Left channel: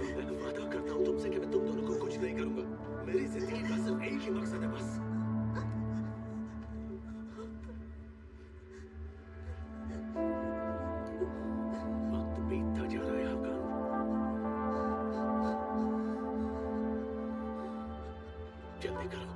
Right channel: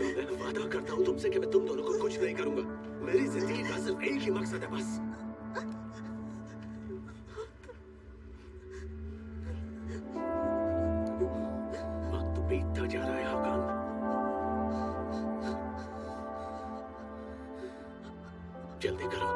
मैं वादा करता हूँ तुमसे कि मैं तुम दोनों को कुछ नहीं करूंगा। मेरी जिंदगी का सिर्फ एक ही मकसद है बस। वक्त बीतता जा रहा है हाकान। जल्दी करो।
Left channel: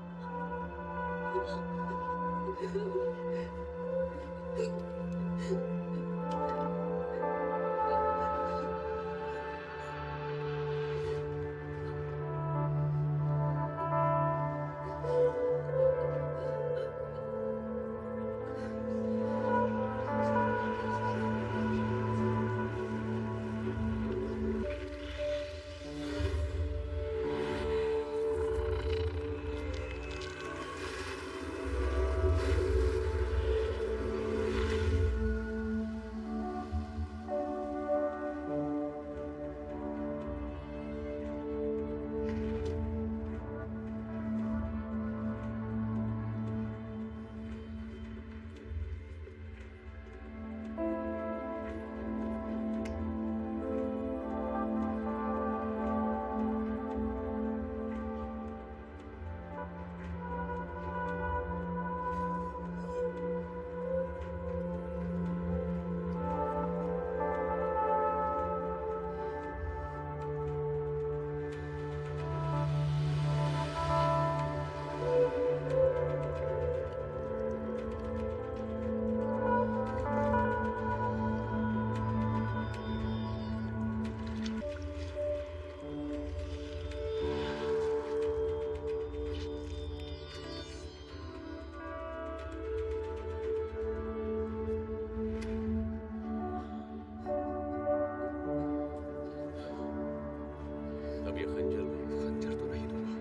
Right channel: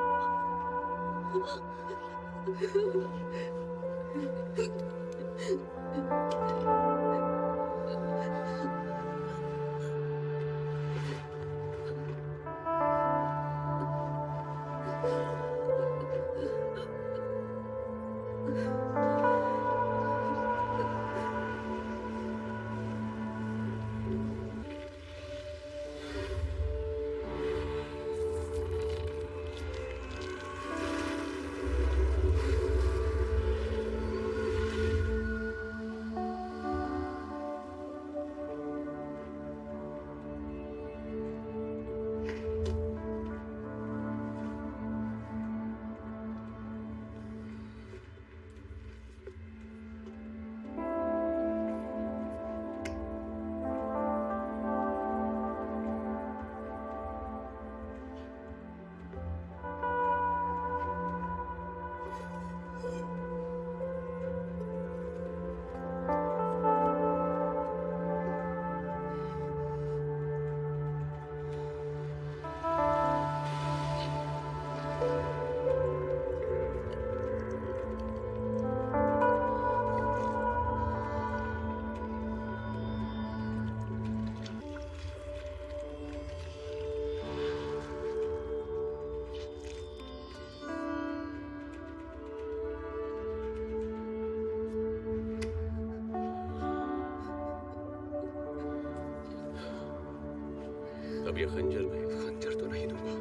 अब ये खंजर तो नहीं दूंगा।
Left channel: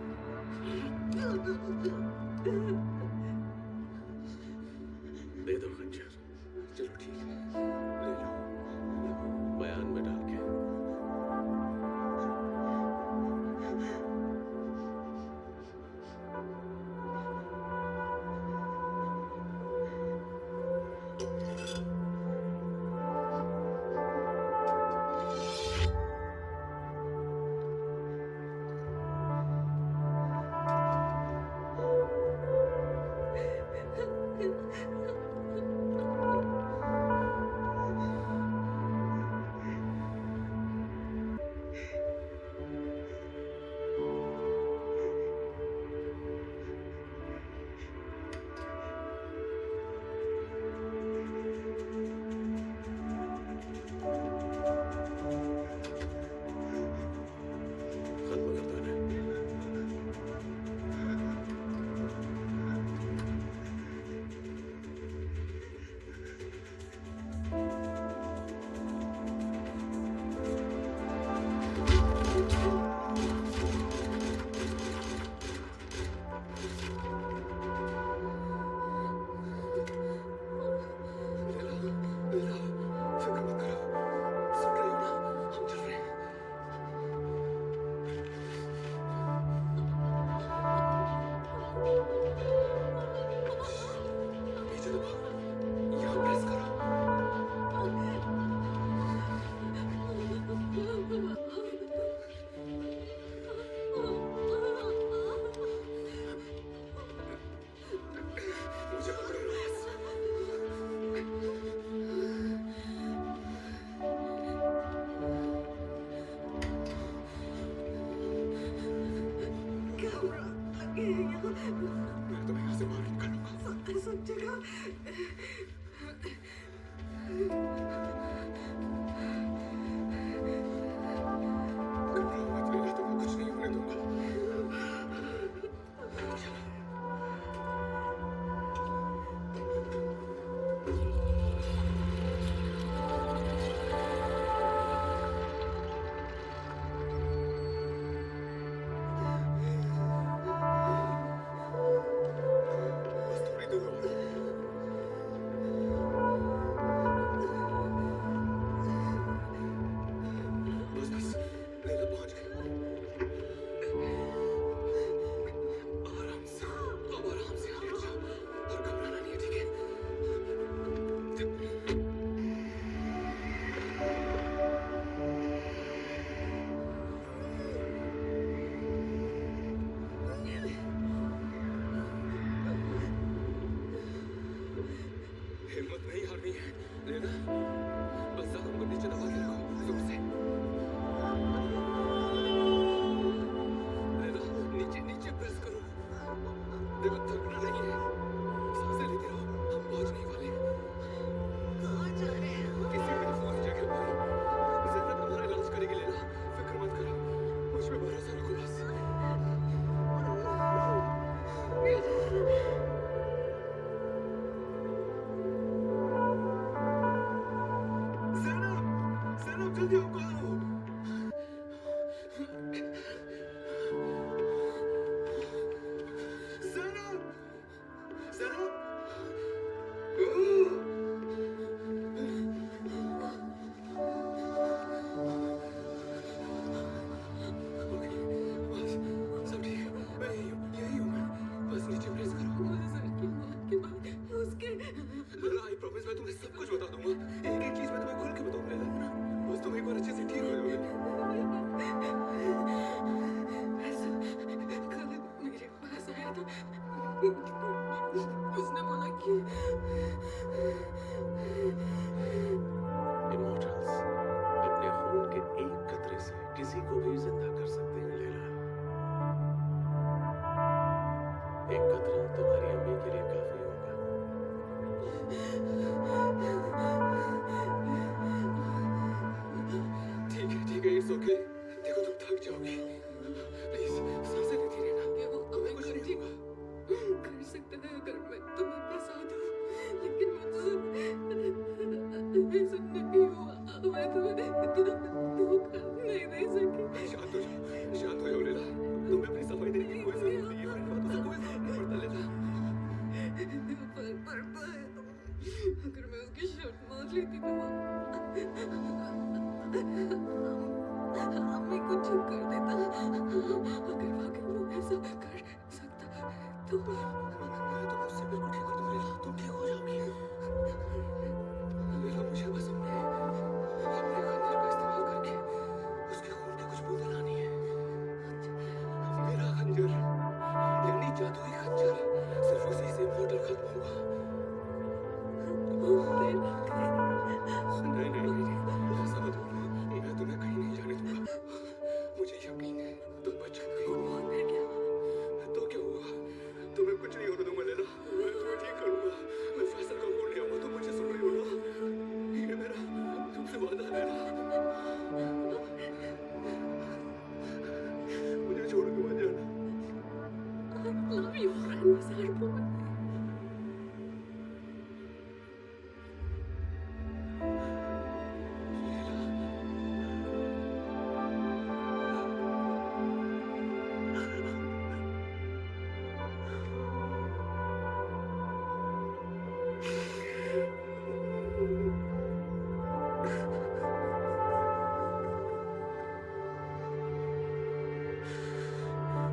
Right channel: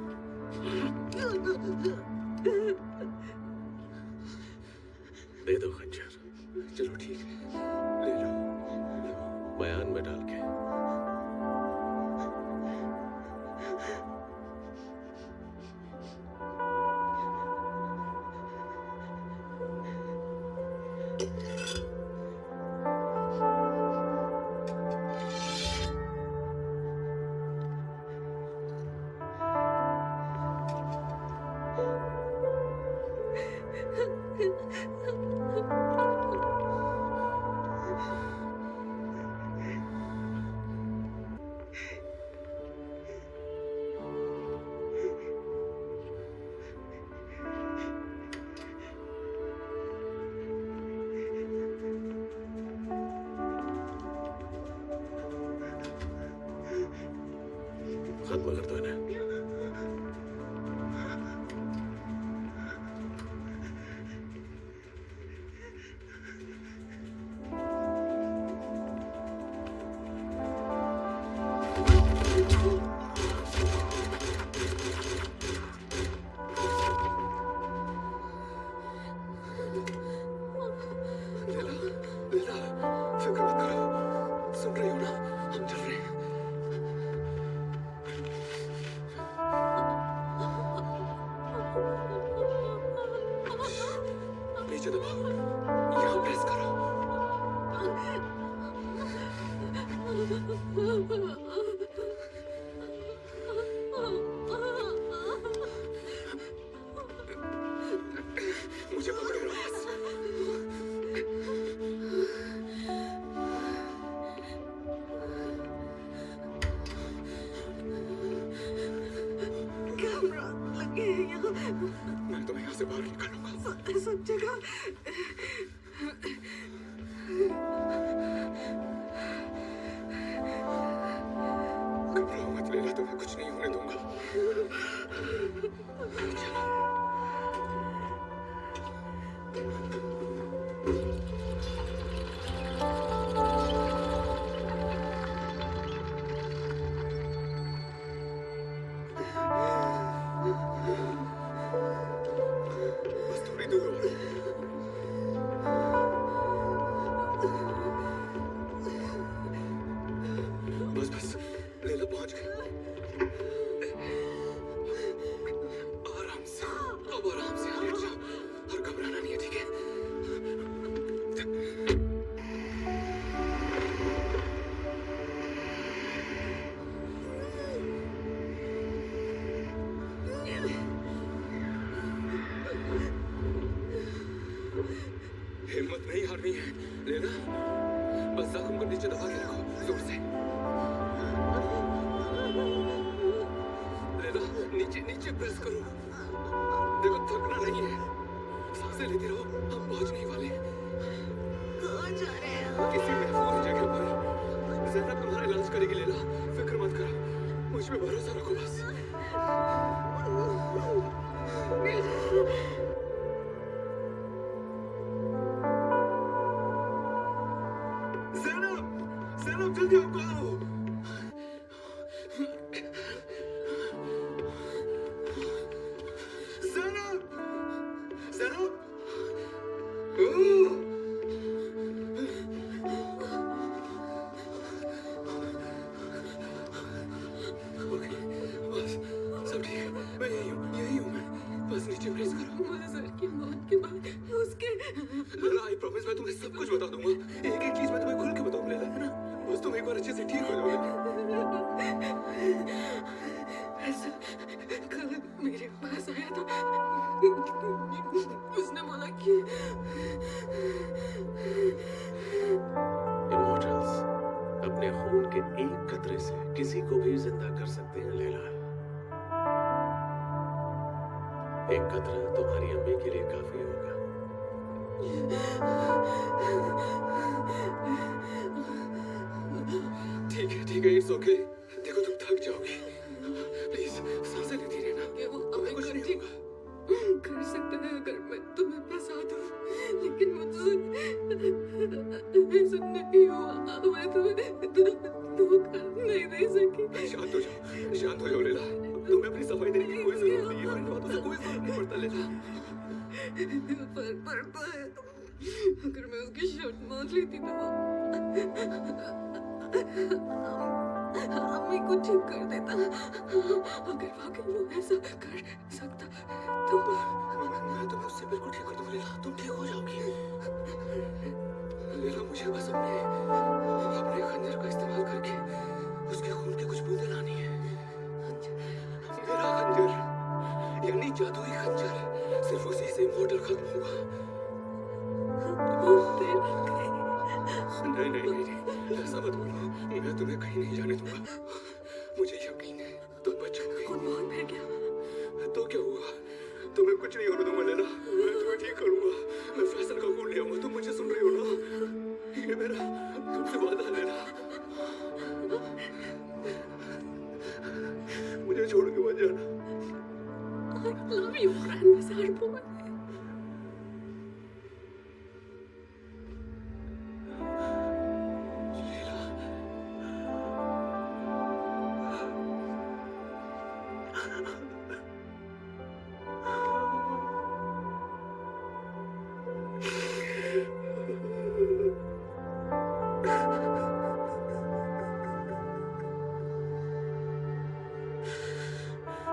दे दो खंजर। चलो ठीक है, ले लो। बयान में डाल के। खत्म कर दो इन्हें। लीला, फिक्र मत करो। सुन रही हो ना, हम चल रहे हैं। नीचे दबाओ, यहाँ प्रेस करो। मुझे पकड़े रहो बस। कैमरा लगे हैं यहाँ। मैं तुम्हें यहाँ से बाहर निकालूंगा। सब जगह। घबराओ मत लीला, तुम्हें कुछ नहीं होने दूंगा। चलो। बस थोड़ी दूर और। मुझे दबा के रखो जोर से। लेला, नीचे नीचे प्रेस करो। देखो थकना नहीं है, सांसें लेते रहो, हम पहुंच नहीं वाले। कहाँ जा रहे हैं? किसी महफूज जगह पर। ज़ैनब तुम्हारा इलाज करेगी लेला, फिक्र मत करो, मुझ पे भरोसा रखो बस। ज़ैनब, ज़ैनब जल्दी आपको आओ। ज़ैनब, ज़ैनब, ओह! ओके, बस सब ठीक है। मैं यही हूँ मैं। बस नीचे प्रेस करो। मुझे सर की मौत के बाद उसके लेला, आई प्रॉमिस मैं तुम्हें सब कुछ बता दूंगा। एक एक चीज मैं तुम्हें खुल के बताऊंगा लेला, है ना? बस तुम एक बार अच्छे से ठीक हो जाओगे। ऐसा कल मेरे पास आया था। उसने बोला कि इमोर्टल्स अपने खून के एक कतरे से किसी को भी जिंदा कर सकते हैं लैला। एक कतरा तुम्हारी अम्मी के लिए काफी होगा। ठीक है, इट्स ओके। देखो तुम थक जाओगी, प्लीज सांसें लेती रहना। कि वो तुम्हें हमें कुछ नहीं ठीक होगा। कर सकता है अगर मैं तुम्हें फंसा दूं, लेकिन मुझसे ऐसा नहीं हुआ। मैं तुम्हें इतना धोखा नहीं दे सकी। शांत हो जाओ लेला। तुम्हें अपनी सफाई देने की कोई जरूरत नहीं है, और इन बातों से कोई फर्क नहीं पड़ता लेला। पर अगर मैं उसकी शर्ट मार लेती तो अम्मी को ठीक कर देता। अगर वाकई वो ऐसा कर सकता तो मैं तुम्हें उससे बिल्कुल ठीक कर दूंगा लेला, तुम ठीक हो जाओगी। लेला, मुझे बस अपने खंजर का इस्तेमाल करके उसके खून की कुछ बूंदें लानी है। मेरा खंजर, यानी जादुई खंजर, सिर्फ उसी से इमोर्टल खत्म होगा। नहीं, ऐसा मत बोलो। मैं तुम्हें कहीं नहीं जाने दूंगा। मुझे यकीन है तुम बच जाओगी। खून बहुत बह गया। तो क्या हुआ? तुम्हें कुछ नहीं होने दूंगा लेला, मैं तुम्हें ठीक करूंगा। मैं फैसल का खून ले आऊंगा, तुम मुझे सुन रही हो ना? ये मेरा तुमसे वादा है लेला। मुझे छोड़ के मत जाना। I love you, Grandmaster Boy.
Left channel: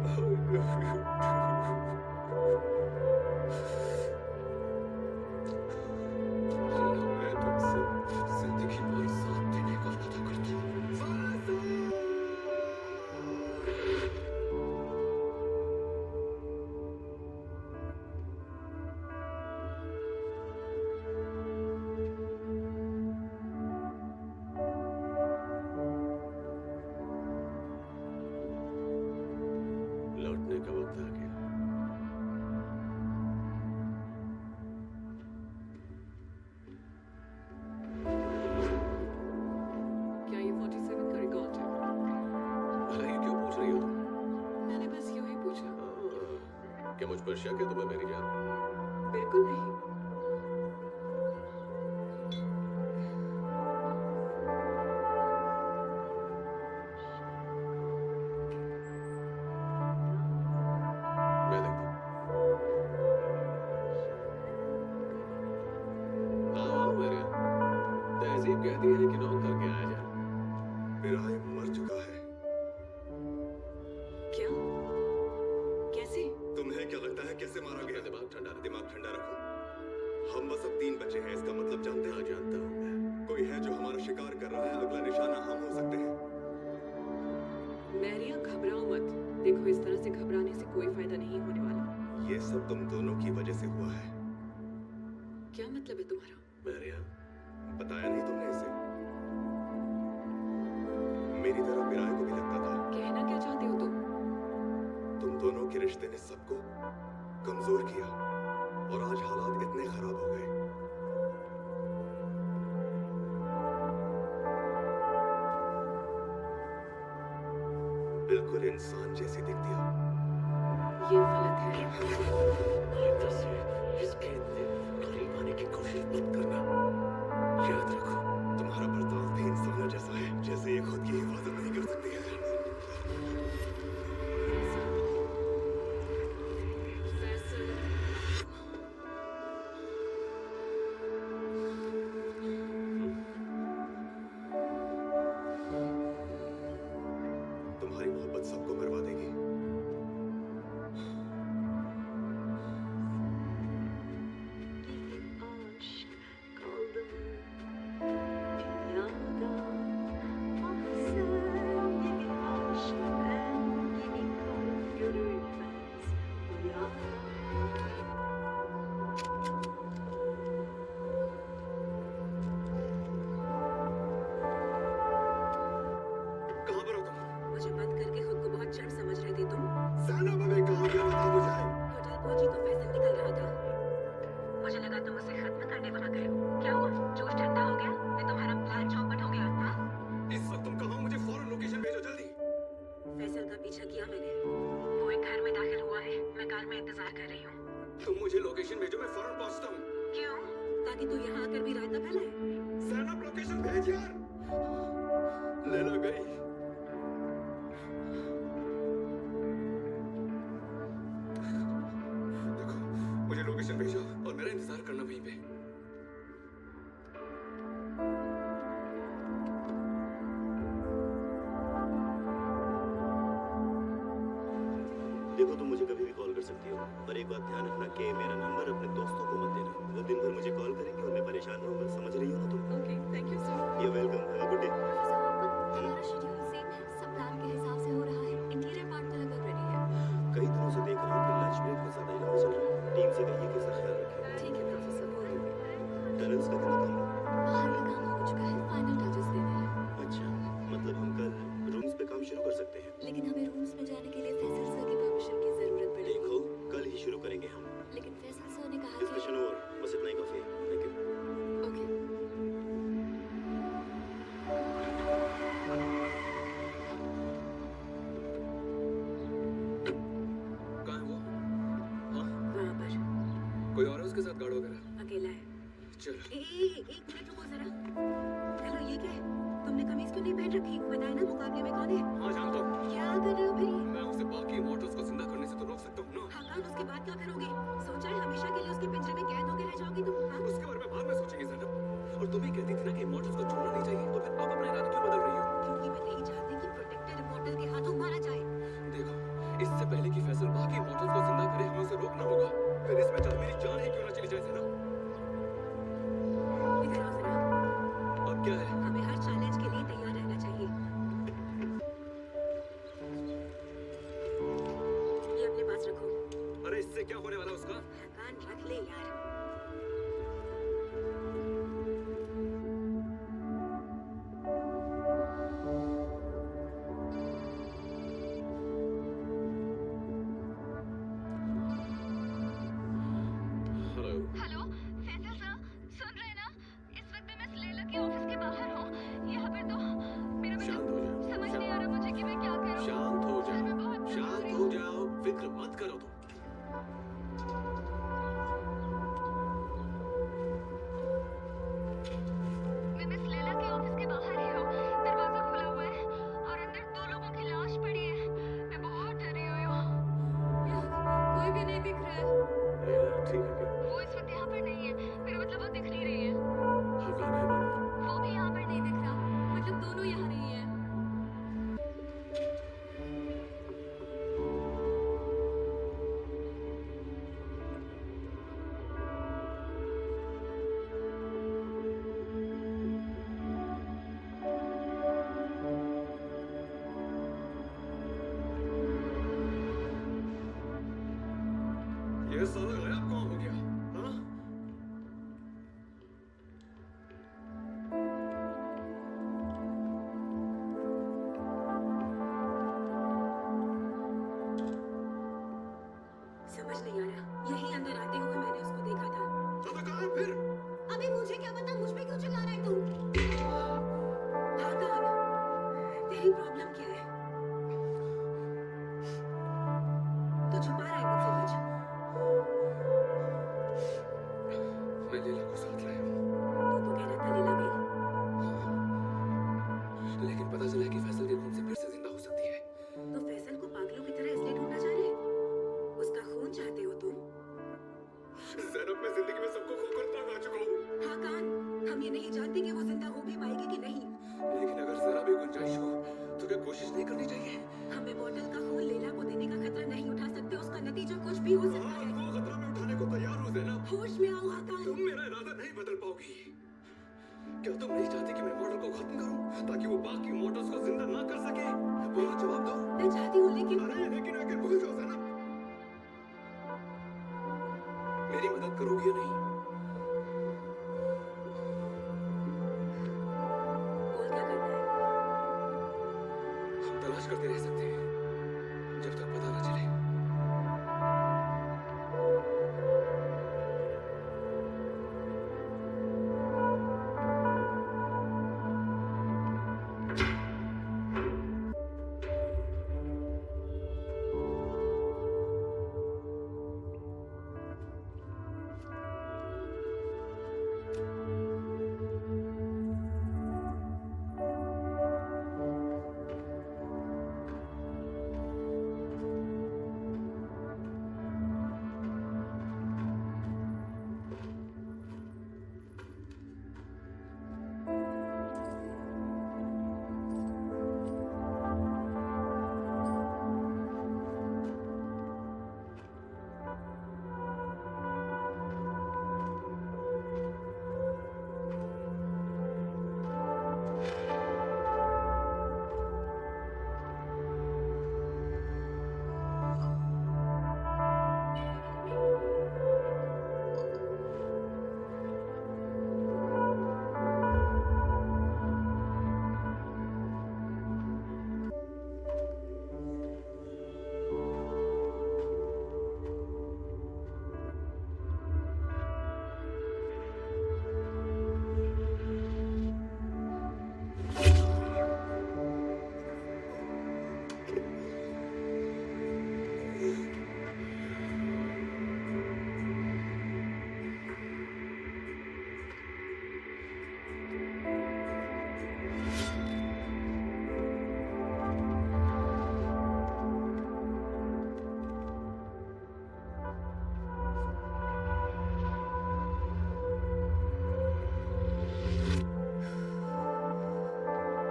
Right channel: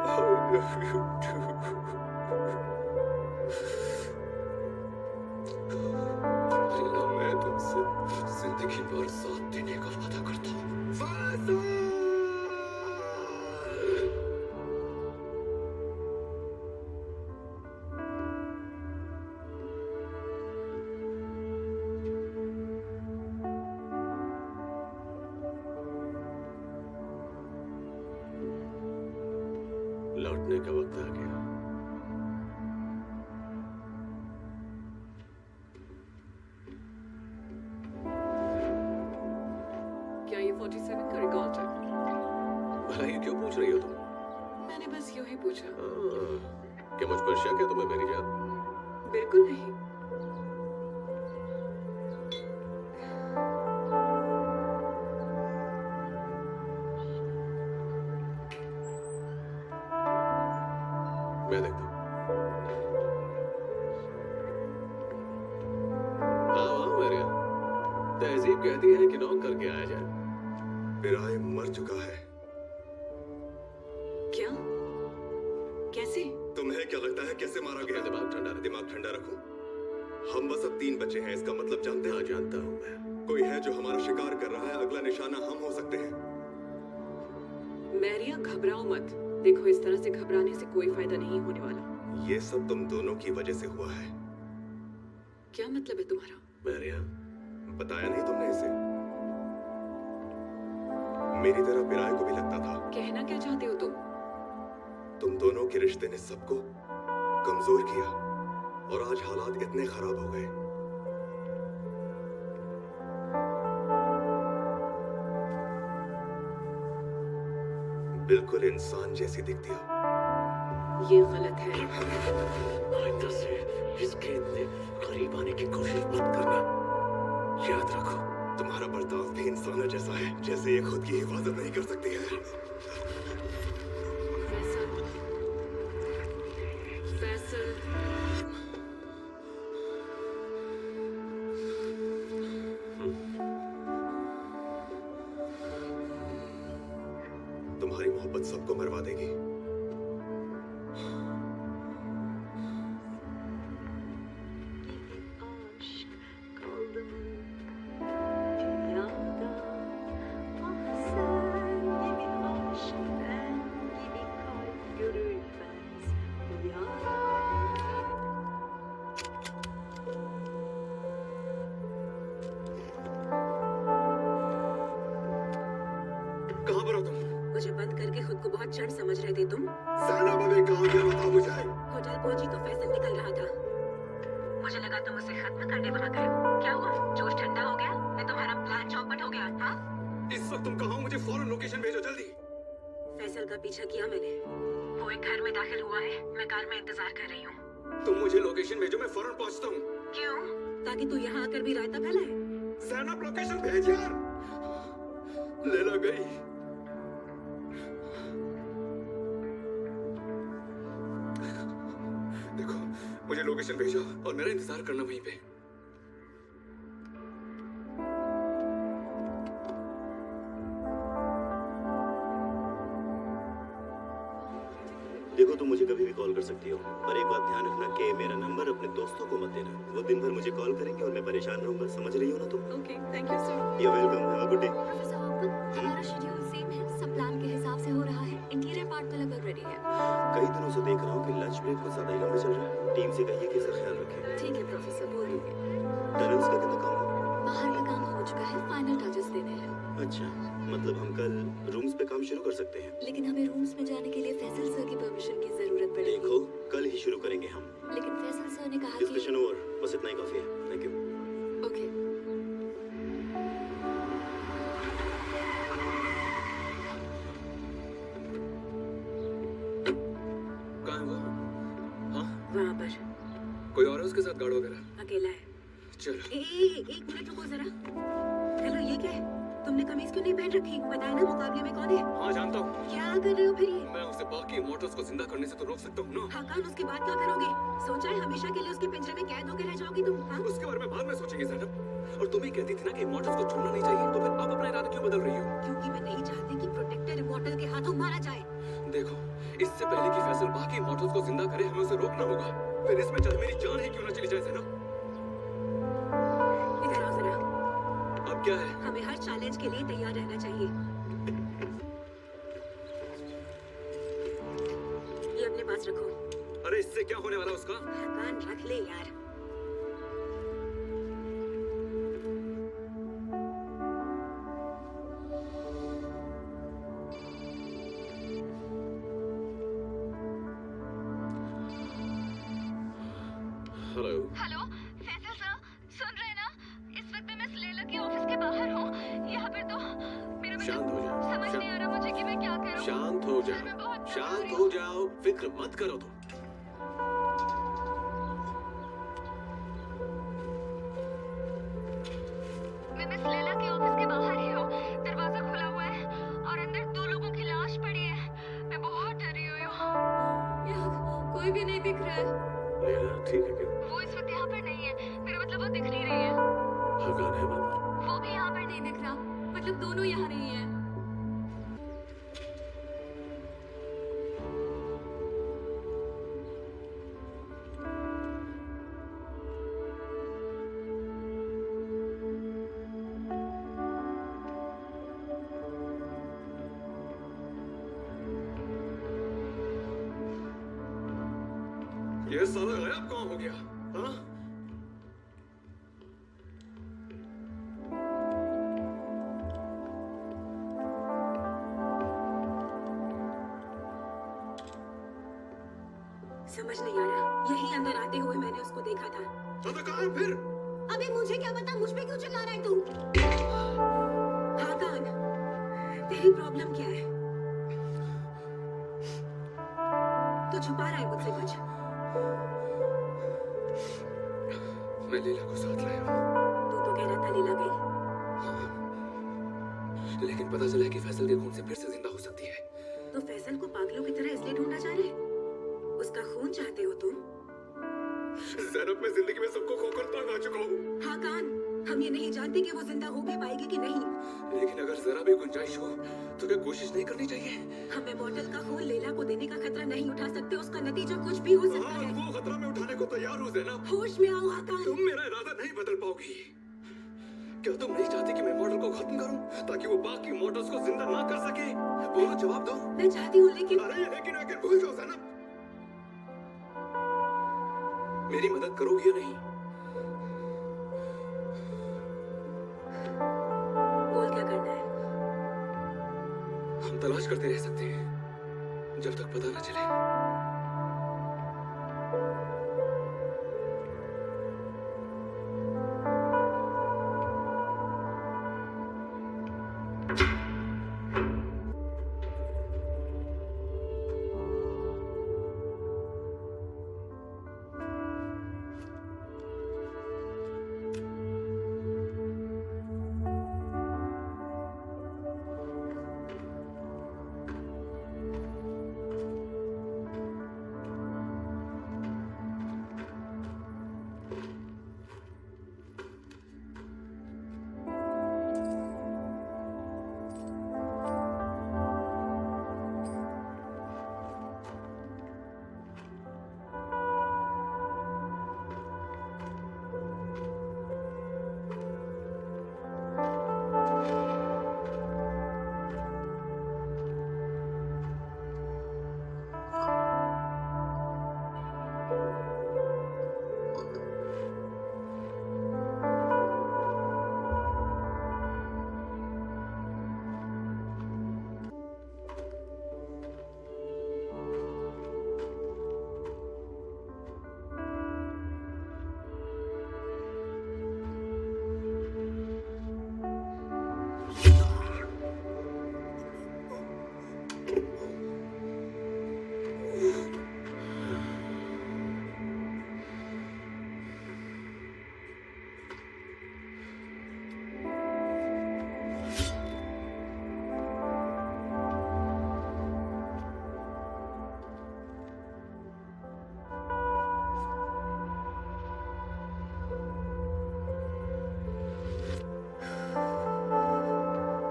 I love you too. लेला, मैं तुमसे जिंदगी भर साथ देने का वादा करता हूँ। फैसल! लौटने का वक्त आ गया। क्या ये 47 का रिकॉर्ड है? भला ये क्यों पूछ रही हो तुम? मैंने बस यूं ही पूछा। क्या मुझ पर शक है तुम्हें मेरी जान? बिल्कुल नहीं। मैं देखता हूँ। आओ मेरे। तहजीब कहती है कि नौक करके आया जाए। पिराए मर चुका है। क्या? कैसे? तुम्हें क्या लगता है कैसे मारा अपना गया? दिमाग ठंडा रख। दिमाग ठंडा रखो। हम बस अब 3 बचे हैं, इसका मतलब जानते हाँ, हैं? जानता हूँ मैं। कोई है जो हमारा शिकार कर रहा है, अगला निशाना हम हो सकते हैं। मैरिया, घबराओ मत। देखो, इस तरह से घबराने से कोई फायदा नहीं होने वाला। ये सब तुम दोनों की वजह से हुआ है। क्या मतलब है तुम्हारा? मैरिया, बताया नहीं तुमने इसे? मेरी तरह पिराए को भी लगता था। कहना क्या चाहते हो तुम? तुम दोनों के रिश्ते ने सबको कमजोर किया और आज हालात इतने खराब हो गए। बिल्कुल इंसान जैसी दिखती हो। ये गलत है। आइंदा से इसके इतने करीब आने की कोशिश मत करना। याद रखो, तुम्हारा बर्ताव भी इंसानों जैसा है, जैसे ये खुद की हिफाजत नहीं कर सकती है। फैसल, फैसल, तुम्हारी मोहब्बत सबको मरवा देगी। कहाँ पर हो तुम? मुझे बंद करके खुद को बहुत क्षण समझ रहे थे तुम। सहना भाभी कहाँ गया बताओ मुझे। होटल पहुंची तो फैसल निकल रहा था। मुझे लगा तुम उसे खत्म करने पर आ गए। क्या हुआ? जोश ठंडा हो गया या तुम्हारा प्लान चौपट हो गया? हाँ? इस वक्त तुम कहाँ हो? मुझे फौरन लोकेशन भेजो जल्दी। फैसल का पीछा किया मैंने। वो एक घर में दाखिल हुआ है। मैं कार में इंतजार कर रही हूँ। तुम मुझे लोकेशन भेजो, मैं फौरन पहुंचता हूँ। क्यों? ताकि तू यहाँ आकर भी रायता फैलाए। सहना लोकेशन भेज यार। लेला गई। देखो, मुझे लोकेशन भेजो और मेरा इंतजार करना वहीं पे। देखो तुम मुझे कभी भी कॉल कर सकती हो, पर एक बात ध्यान रखना कि मेरा नंबर अपने दोस्तों को मत देना। वो दिन भर मुझे कॉल करेंगे और मैं परेशान रहूंगा। समझ रही हो ना तुम? Okay, thank you sir. You welcome, have a good day. Professor Hopkin, हमारा शेड्यूल सेम है, सब प्लान के हिसाब से हो रहा है। इंटीरियर पार्ट तो लगभग रेडी है। कई दिनों से देख रहा हूँ कि लंच ब्रेक कुछ ज्यादा ही लंबा चल रहा है। टीम से कहिए कि इसका ख्याल रखें। ठीक है प्रोफेसर, बोल रही हूँ। टनल्स का कितना काम हुआ? बाहर का काम हो चुका है, फाइनल टचेस देने हैं। अच्छा, मतलब हम कल रूम्स पे काम शुरू कर सकते हैं। लेकिन हमें रूम्स में जाने के लिए फैसल सर की परमिशन की जरूरत पड़ेगी। देखो, कल ही शुरू करेंगे हम। लेकिन फैसल सर ने कहा कि डिस्कशन ओवर, बस इतना ही काफी है। Thank you. ओके। कहाँ है वो? हाँ? वहाँ पर कोई और है उसके साथ गार्ड वगैरह? अकेला है। चलो। एक मिनट रुको जरा। हेलो, ये क्या है? तुमने कमीज क्यों नहीं पहन रखी? बताया ना मुकाबले में कौन है? हाँ जानता हूँ। क्या कर रहे हो फिर ये? मैं उसे बाकी इमॉर्टल्स को जिंदा करने से तो रोक सकता हूँ ना। हाकान, उसके बाद क्या करोगे? सोचा है हमेशा के लिए उसके पिंजरे में कैद होकर रह जाओगी तुम? हाँ? उसके बारे में बाद में सोचेंगे ज़ैनब। और तुम ही कहती थी ना कि इमॉर्टल्स को छोड़ना नहीं चाहिए, तो फिर आप अपना इरादा क्यों बदल रही हो? क्योंकि मैं नहीं चाहती कि प्रोटेक्टर इमॉर्टल के हाथों मारा जाए। देखो, इससे पहले कि फैसल बाकी इमॉर्टल्स को जिंदा करे, हमें उसे रोकना होगा। फिर इसमें चाहे मेरी जान ही क्यों ना चली जाए ज़ैनब। इधर आओ जरा। अब क्या है? हमें हर चैलेंज के लिए तैयार रहना चाहिए। ये अपने पास रखो। अरे इससे क्या होने वाला उसका? हाकान, रख ले यार। हेलो। हेलो फैसल सर, सुन रहे हैं ना? इस वक्त मैं मिस लैला के ऑफिस के बाहर हूँ। यहाँ पर तो मेरा शांत हो जाओ। समझ नहीं आ रहा मुझे कि मैं क्या करूँ। शांत हो सर, मैं जाओ, बहुत शांत कमजोर हो हूँ। जाओ, फिक्र मत करो तुम। मैं मिस लैला के ऑफिस के बाहर ही हूँ। दरवाजा खुला हुआ है और अंदर 2 लोगों की लाश पड़ी है। मैं बहुत डरी हुई हूँ। यहाँ कोई भी नहीं दिख रहा है। लेला ठीक है क्या? वो इस वक्त यहाँ पर नहीं है। मेरा मतलब वो दिख नहीं रही है। हाकान है अंदर? वो भी यहाँ पर नहीं दिख रहा। मतलब दोनों यहाँ नहीं है। ये साला गायब कहाँ हो गया? हाँ? समझ नहीं आ रहा, यहीं अंदर आते हुए मैंने उसको देखा था। तो कहाँ है फिर? अबे मुझे क्या पता, मुझ पे क्यों चिल्ला रहा है तू? हाँ कान, तेरी प्रॉब्लम क्या है? तू छुपा रहा है मुझसे कुछ? मैं लीला को साथ लाया हूँ। तू तो कह रहा था लीला गई। लेकिन पता चला है कि फैसल के खून से फिर से जिंदा हो सकती है। तो फैसल को पागलों की तरह इसलिए ढूंढा जा रहा है? उसका खून चाहते हो तुम? ज़ैनब, मैं जिंदगी में सबको खोकर तंग आ चुका हूँ। हाँ कान, हम ये नहीं जानते कि वो जिंदा हो भी पाएगी कि नहीं। लेकिन अगर जरा भी गुंजाइश हो तो क्या कोशिश नहीं करनी चाहिए? हम इमॉर्टल का खून लेला को देने का खतरा नहीं उठा सकते, उसका नतीजा कुछ भी हो सकता हाँ, है। वो खतरा मैं उठाने को तैयार हूँ ज़ैनब। होश में आओ हाकान। तुम मेरा इरादा नहीं बदल पाओगी। क्या तुम नहीं चाहती कि मैं मॉडल को खत्म करूं ताकि वो बाकी मॉडल्स को जिंदा ना कर सके? बोलो, जवाब दो। मैं चाहती हूँ लेकिन लेकिन आखिर भूल जाओ ज़ैनब। मेरी मदद करोगी या नहीं? बोल क्या करना है? हम तलाश करते रह सकते हैं जब तक पता ना चले।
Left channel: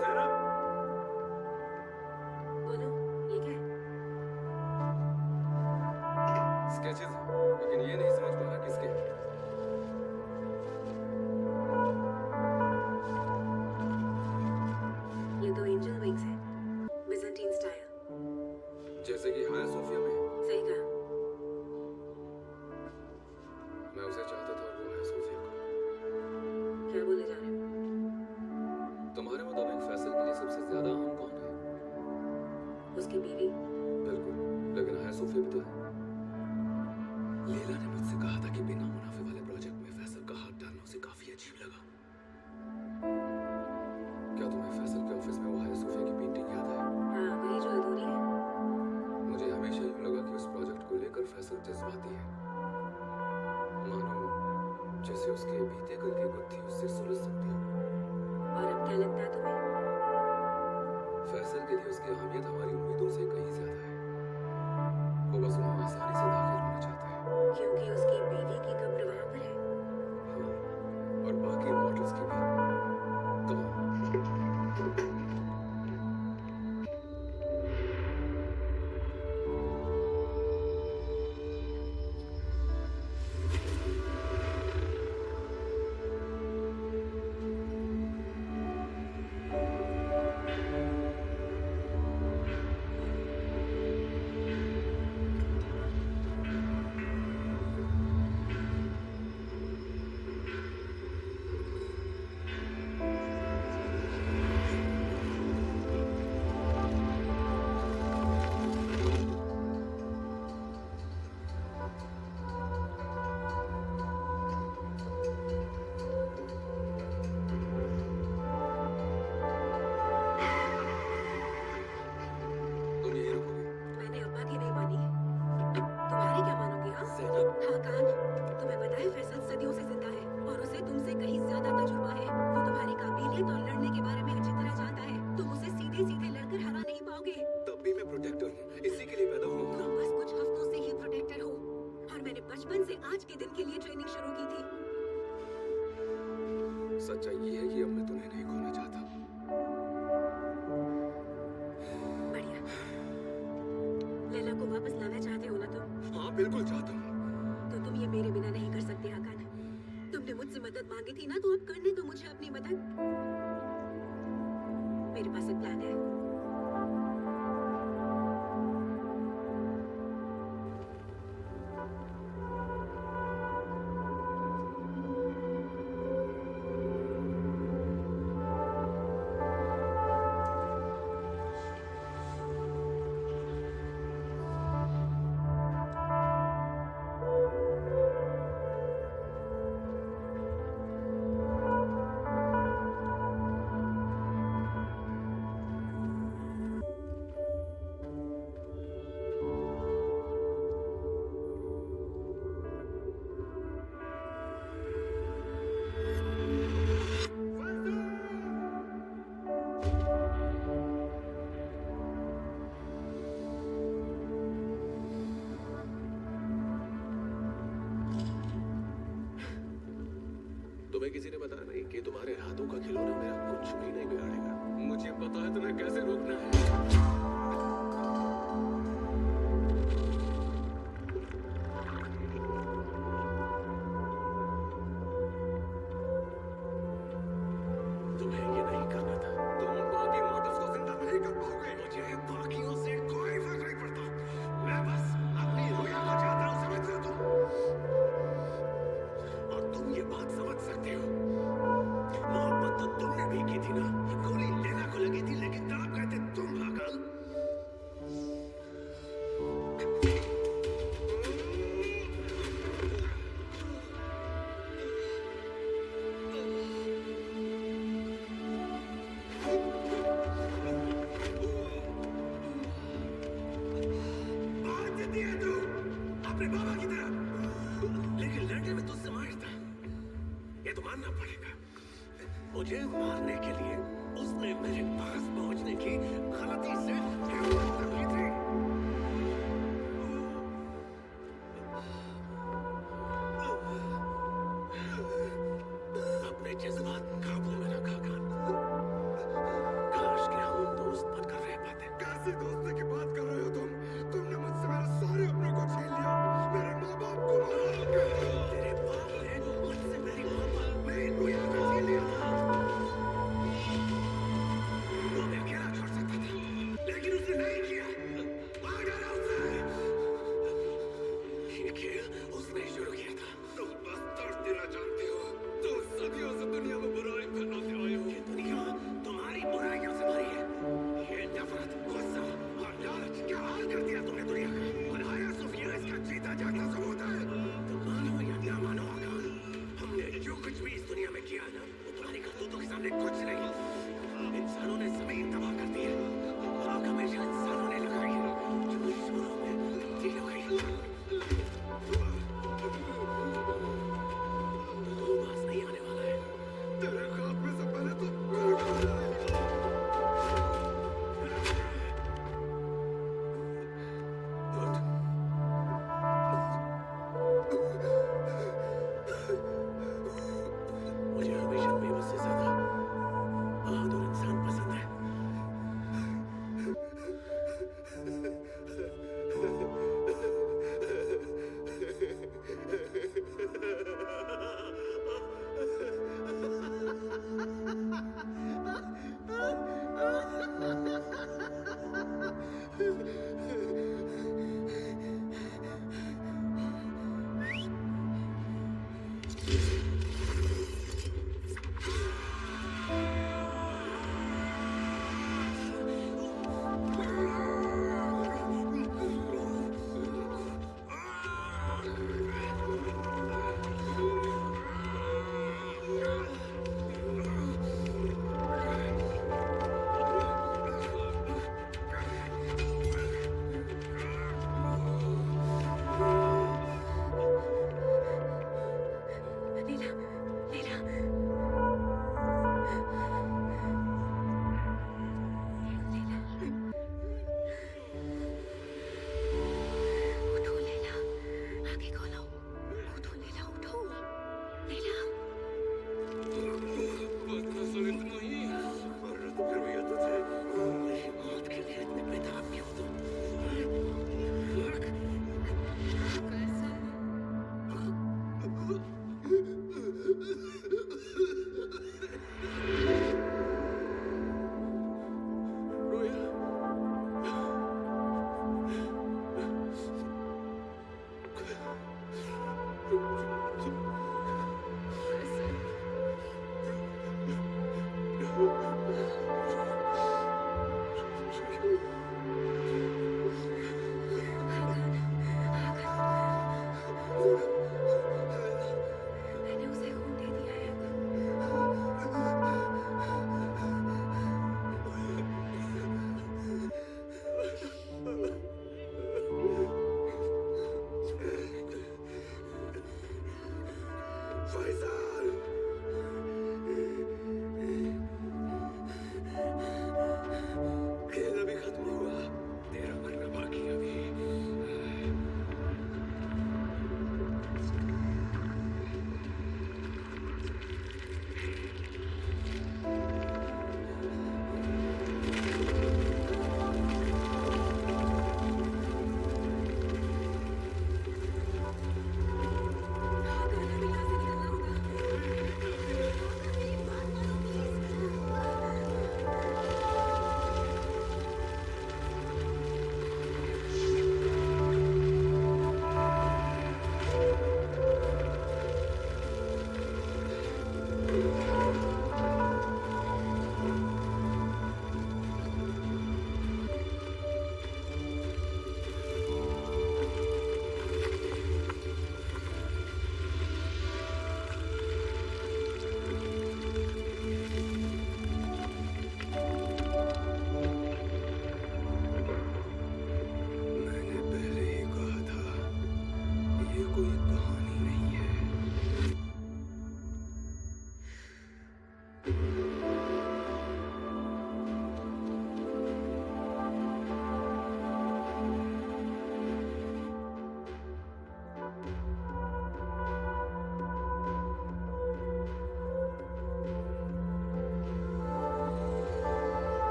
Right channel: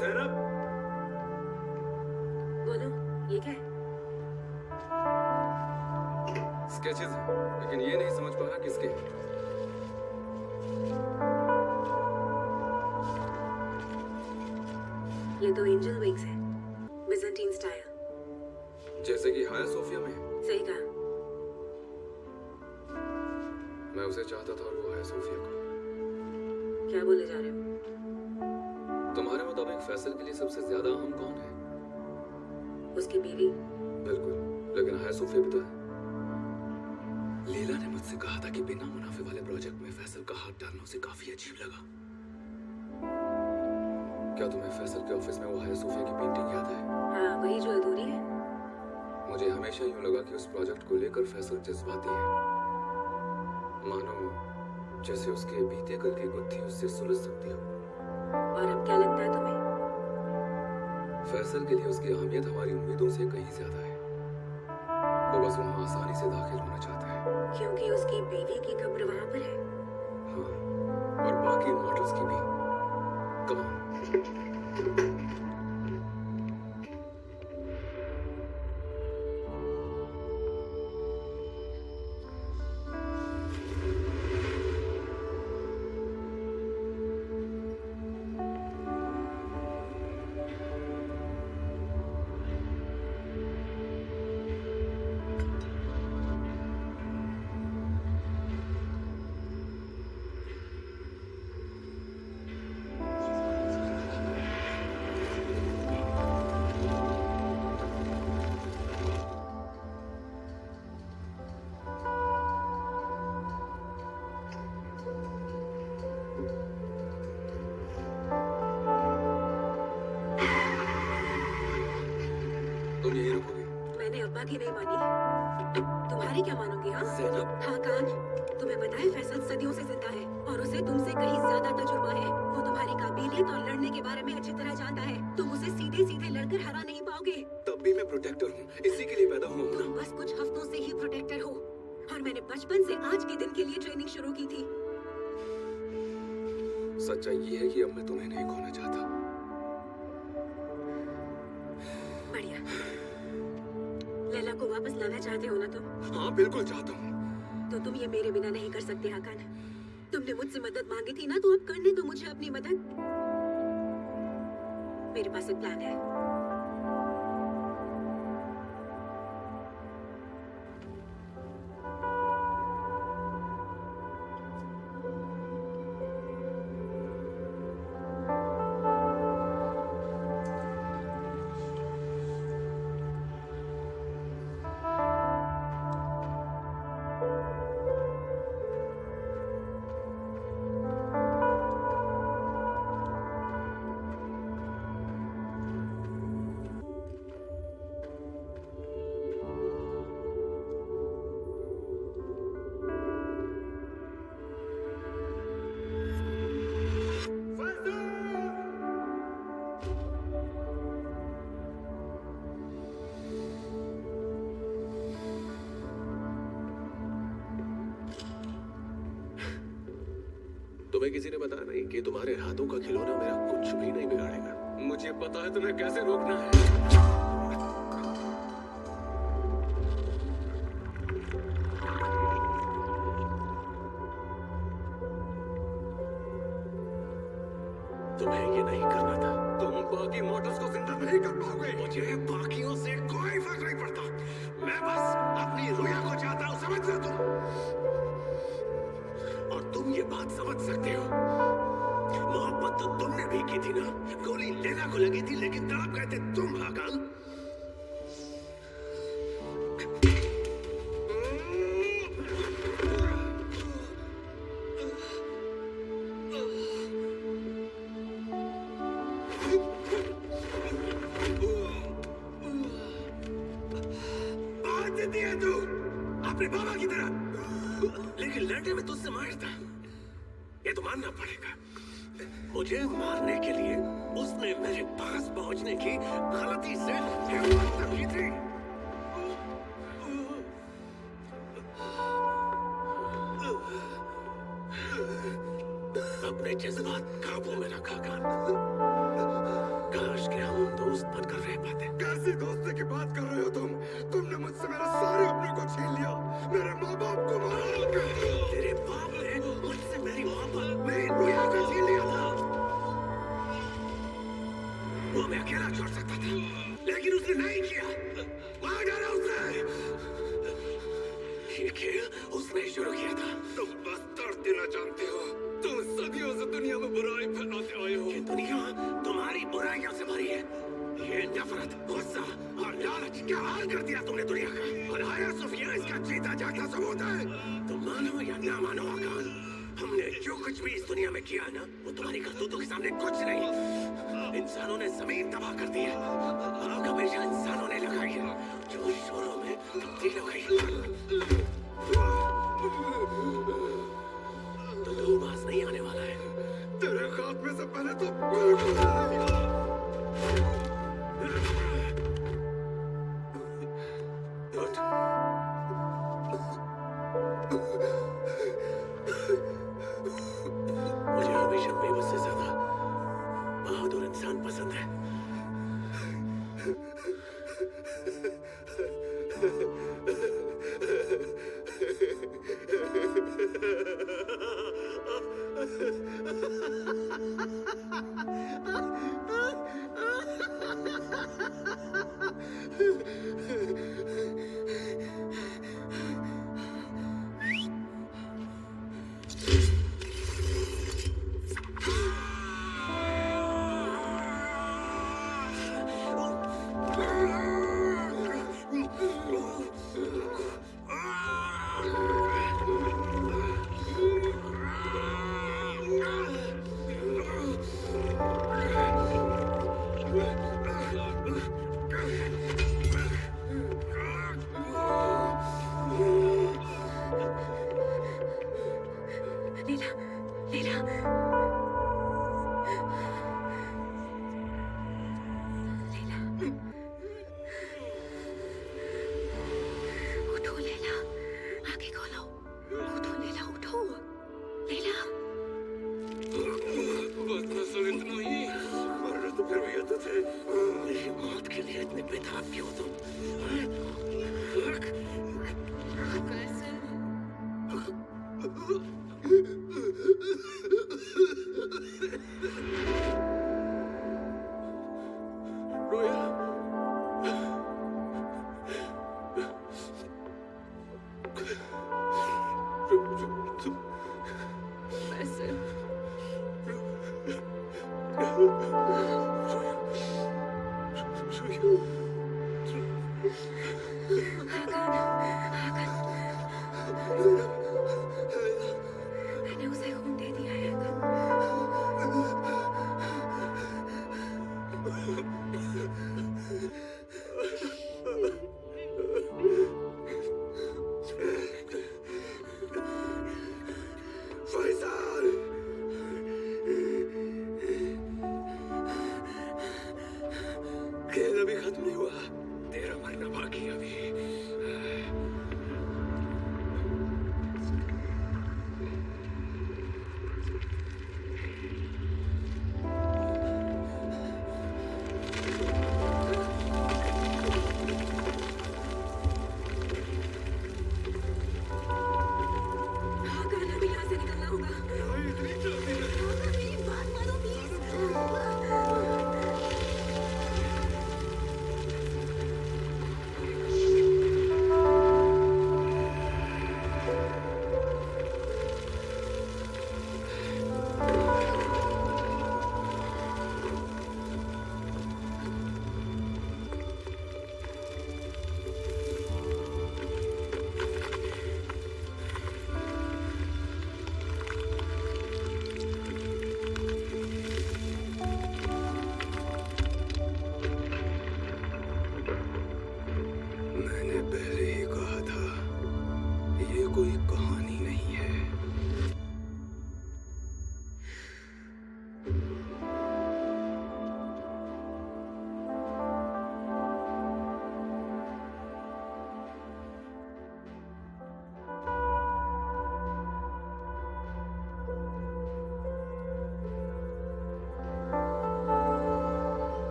ज़ैनब, बोलो, ये क्या है? स्केचेस हैं, लेकिन ये नहीं समझ पा रहा किसके हैं। ये तो एंजल विंग्स है, बिजेंटीन स्टाइल। जैसे कि हाया सोफिया में। सही कहा। मैं उसे चाहता था और वो हाया सोफिया को। क्या बोले जा रहे हो? तुम्हारे मुताबिक फैसल के लिए सबसे ज्यादा अहम कौन है? उसकी बीवी। बिल्कुल, लेकिन हाया सोफिया भी तो है। लीला ने मुझसे कहा था कि बिना मुनाफे वाले प्रोजेक्ट में फैसल का हाथ डालना उसे काफी अजीब लगा। क्या तुम्हें फैसल के ऑफिस में वो हाया सोफिया की पेंटिंग याद है? हाँ, वही जो अधूरी है। मुझे हमेशा यूं लगा कि उस प्रोजेक्ट को लेकर फैसल जज्बाती है, मानो जैसे उसके बीते कल की गुत्थी उससे सुलझ सकती हो। और अब क्या लगता है तुम्हें? फैसल के लिए उसकी अहमियत हमारी उम्मीदों से कहीं ज्यादा है। वो बस वहाँ आसानी से दाखिल होना चाहता है। क्योंकि उसकी बीवी की कब्र वहां पर है। हाँ, और बाकी मॉडल्स की भी। Come on. बाकी नहीं मानी। तुम्हारी क्या मानोगी? हाँ ज़ैनब, हाँ कान, तुम्हें पता है फैसल सदियों से जिंदा है और उसे तुमसे कहीं ज्यादा तजुर्बा है। वो तुम्हारी काबिलियत और लड़ने के बारे में अच्छी तरह जानता है। तुम उसे सीधे सीधे लड़कर हरा नहीं पाओगे। तब भी मैं प्रोटेक्टर हूँ, इसी के लिए पैदा हुआ हूँ। तुम बस कुछ हफ्तों से ही प्रोटेक्टर हो और मैंने बचपन से आज के दिन के लिए ट्रेनिंग शुरू की थी। सच्चाई ये है कि अब मैं तुम्हें नहीं खोना चाहता। बढ़िया। लैला को वापस लाना चाहते हो ना तुम? हाँ बिल्कुल चाहता हूँ। तो तुम ये मेरे बिना नहीं कर सकते हाकान। तुमने मुझसे मदद मांगी थी ना, तो अब करने दो मुझे अपनी मदद। मेरे पास एक प्लान है। तुम्हें किसी ने बताया नहीं कि तुम्हारे हाथों का खिलौना मेरा कुछ भी नहीं बिगाड़ेगा? मुझे पता है तुम्हें कैसे रोकना है। तुम्हें ये नहीं करना था। तुम बाकी मॉडल्स को जिंदा नहीं कर पाओगे। मुझे बाकियों से कोई फर्क नहीं पड़ता। मैं बस अपनी रुया को चाहता हूँ, समझ रहे हो तुम? और तुम ये बात समझ सकते हो, मोहब्बत तो तुमने भी की थी ना। गोली लेना को लगी थी, लेकिन तड़प गए थे तुम हाकान। बात देती है तू अपने बाबा की तरह, लेकिन लड़ने में तुझसे माहिर था, ये तो मानना पड़ेगा। मुझे मारने के लिए उसने मेरे पास पहुंचने की गलती से हिम्मत की थी। अपने जज्बात काबू में रखा कान। काश कि हम दोस्त बनकर रह पाते। कैसी दोस्ती की बात कर रहे हो तुम? तुमने मुझसे मेरे सारे अपनों को छीन लिया, मेरे माँ बाप को मारा। तेरे बाप ने मुझसे मेरी मोहब्बत, मेरी रुया को छीन लिया था। वो मैं अकेला छोड़ सकता था, लेकिन उसने नहीं किया। मार डाला उसने। ये खेल उसने शुरू किया था। तुम बस दर्द देना जानते हो। तुम सदियों से दुनिया में बुराई फैलाते आए हो। ये दुनिया तुम्हारी बुराइयों से भरी है। ये नफरत, गुस्सा और लालच क्या हाल कर दिया तुमने दुनिया का। और आया सुफिया इसका जीता जागता सबूत है। तुम मानो या ना मानो आकान, हमने जो कुछ भी इस दुनिया में किया ना, वो तुम्हारी करतूतों के सामने कुछ नहीं। इंसानों ने जमीन तबाह कर दी है।